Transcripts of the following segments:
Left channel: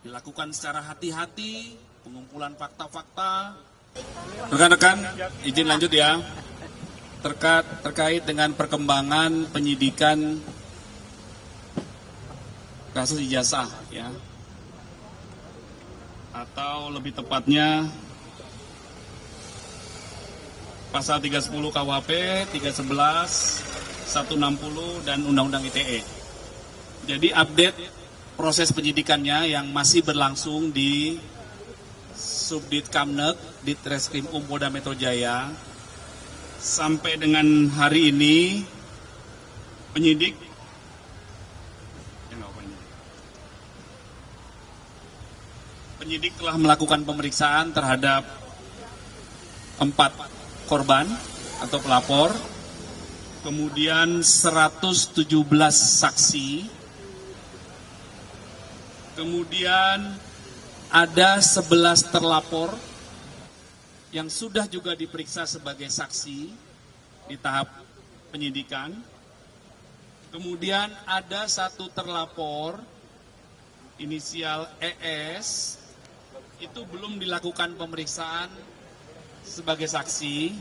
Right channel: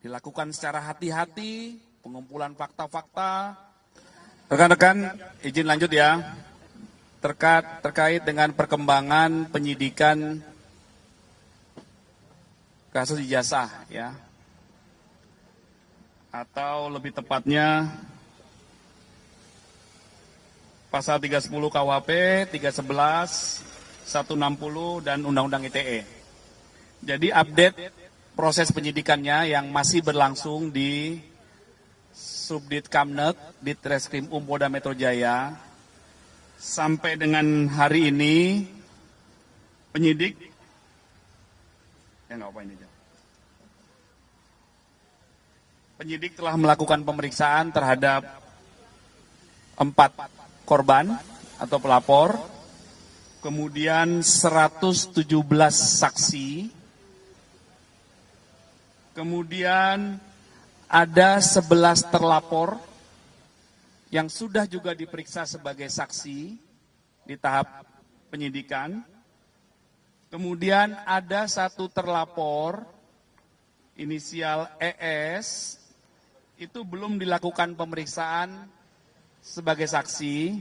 dilakukan secara hati-hati, pengumpulan fakta-fakta. Rekan-rekan, izin lanjut ya. Terkait dengan perkembangan penyidikan kasus ijazah ya. Atau lebih tepatnya pasal 310 KUHP, 311, 160 dan Undang-Undang ITE. Jadi update proses penyidikannya yang masih berlangsung di Subdit Kamnek, Ditreskrim Polda Metro Jaya. Sampai dengan hari ini penyidik penyidik telah melakukan pemeriksaan terhadap 4 korban atau pelapor, kemudian 117 saksi, kemudian ada 11 terlapor yang sudah juga diperiksa sebagai saksi di tahap penyidikan. Kemudian ada 1 terlapor inisial ES itu belum dilakukan pemeriksaan sebagai saksi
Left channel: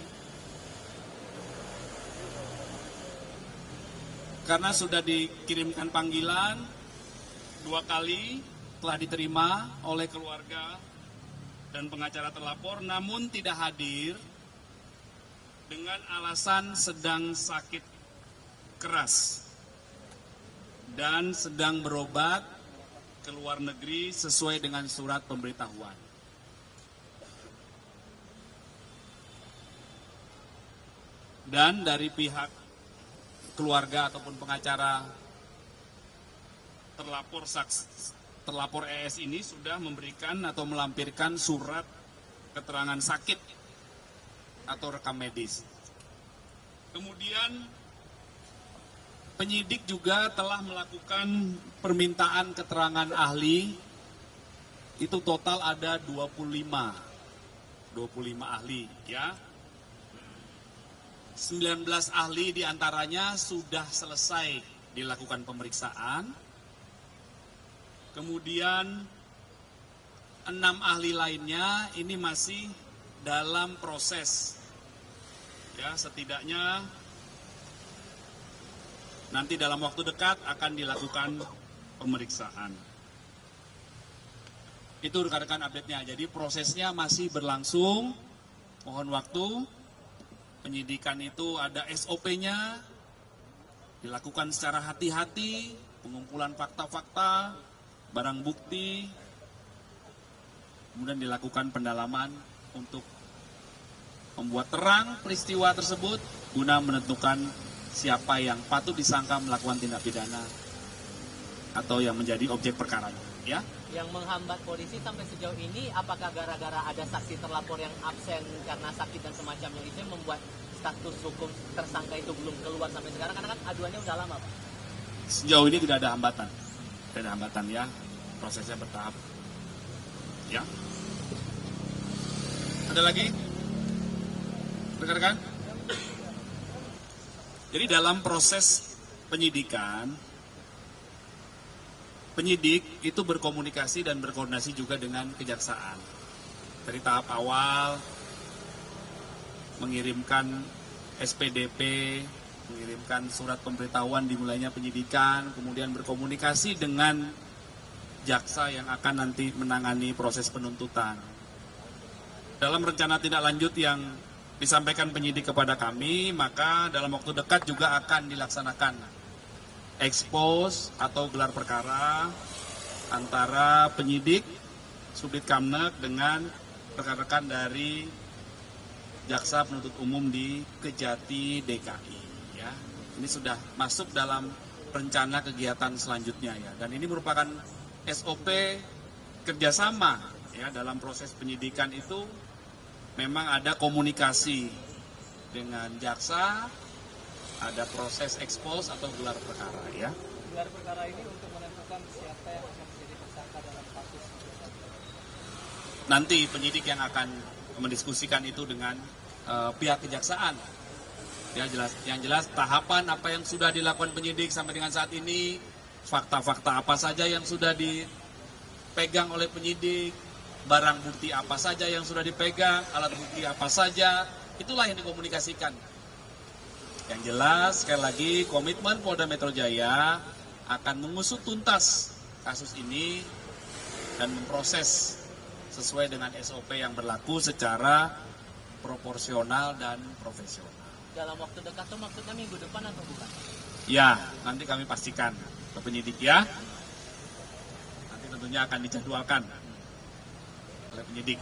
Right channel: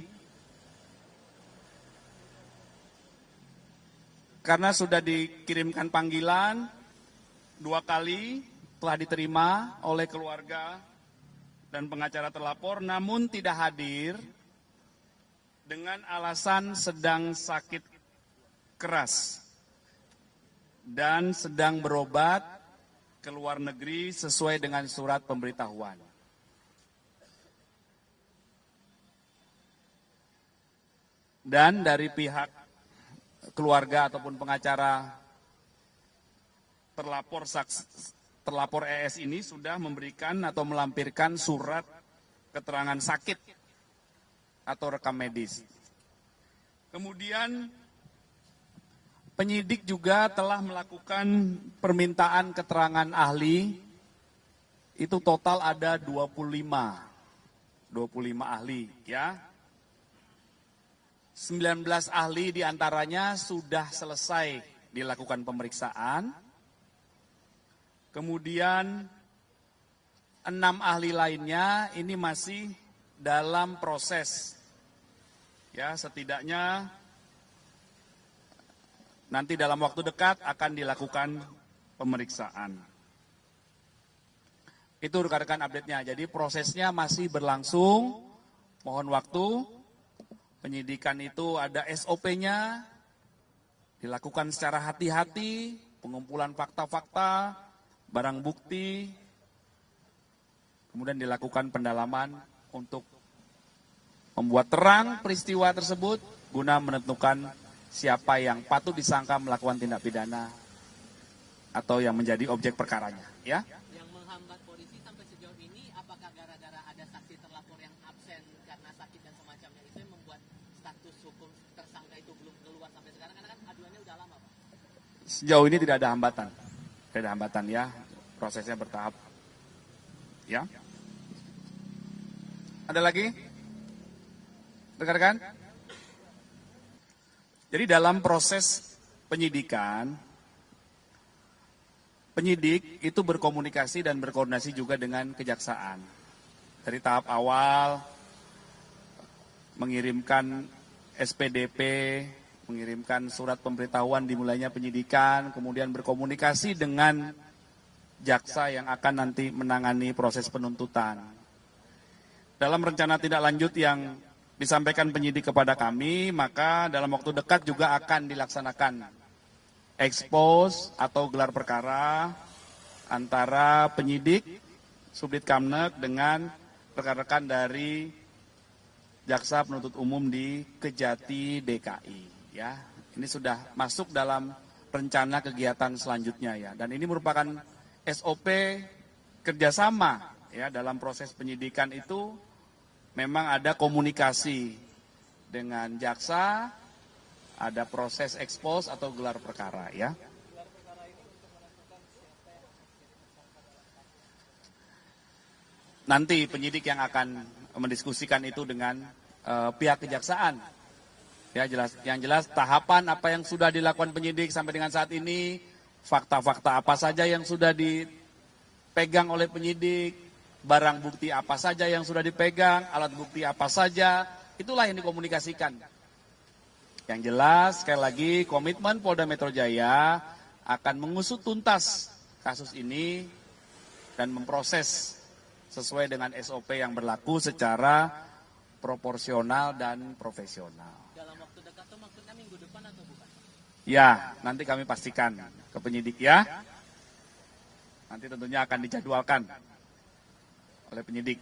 karena sudah dikirimkan panggilan 2 kali, telah diterima oleh keluarga dan pengacara terlapor, namun tidak hadir dengan alasan sedang sakit keras dan sedang berobat ke luar negeri sesuai dengan surat pemberitahuan. Dan dari pihak keluarga ataupun pengacara terlapor ES ini sudah memberikan atau melampirkan surat keterangan sakit atau rekam medis. Kemudian penyidik juga telah melakukan permintaan keterangan ahli, itu total ada 25 ahli ya. 19 ahli diantaranya sudah selesai dilakukan pemeriksaan. Kemudian 6 ahli lainnya ini masih dalam proses. Ya, setidaknya nanti dalam waktu dekat akan dilakukan pemeriksaan. Itu rekan-rekan update-nya. Jadi prosesnya masih berlangsung. Mohon waktu. Penyidikan itu ada SOP-nya, dilakukan secara hati-hati, pengumpulan fakta-fakta, barang bukti, kemudian dilakukan pendalaman untuk membuat terang peristiwa tersebut guna menentukan siapa yang patut disangka melakukan tindak pidana atau yang menjadi objek perkaranya. Ya. Yang menghambat polisi sampai sejauh ini, apakah gara-gara ada saksi terlapor yang absen karena sakit dan semacamnya itu yang membuat status hukum tersangka itu belum keluar sampai sekarang? Karena kan aduannya udah lama, Pak. Sejauh ini tidak ada hambatan. Tidak ada hambatan ya, prosesnya bertahap. Ya. Ada lagi? Rekan-rekan? Jadi dalam proses penyidikan, penyidik itu berkomunikasi dan berkoordinasi juga dengan kejaksaan. Dari tahap awal, mengirimkan SPDP, mengirimkan surat pemberitahuan dimulainya penyidikan, kemudian berkomunikasi dengan jaksa yang akan nanti menangani proses penuntutan. Dalam rencana tindak lanjut yang disampaikan penyidik kepada kami, maka dalam waktu dekat juga akan dilaksanakan expose atau gelar perkara antara penyidik Subdit Kamnek dengan rekan-rekan dari Jaksa Penuntut Umum di Kejati DKI ya. Ini sudah masuk dalam rencana kegiatan selanjutnya ya, dan ini merupakan SOP kerjasama ya. Dalam proses penyidikan itu memang ada komunikasi dengan jaksa, ada proses expose atau gelar perkara ya. Gelar perkara ini untuk menentukan siapa yang akan menjadi tersangka dalam kasus. Nanti penyidik yang akan mendiskusikan itu dengan pihak kejaksaan. Ya yang jelas tahapan apa yang sudah dilakukan penyidik sampai dengan saat ini, fakta-fakta apa saja yang sudah dipegang oleh penyidik, barang bukti apa saja yang sudah dipegang, alat bukti apa saja, itulah yang dikomunikasikan. Yang jelas, sekali lagi, komitmen Polda Metro Jaya akan mengusut tuntas kasus ini dan memproses sesuai dengan SOP yang berlaku secara proporsional dan profesional. Dalam waktu dekat itu maksudnya minggu depan atau bukan? Ya, nanti kami pastikan ke penyidik ya. Nanti tentunya akan dijadwalkan oleh penyidik.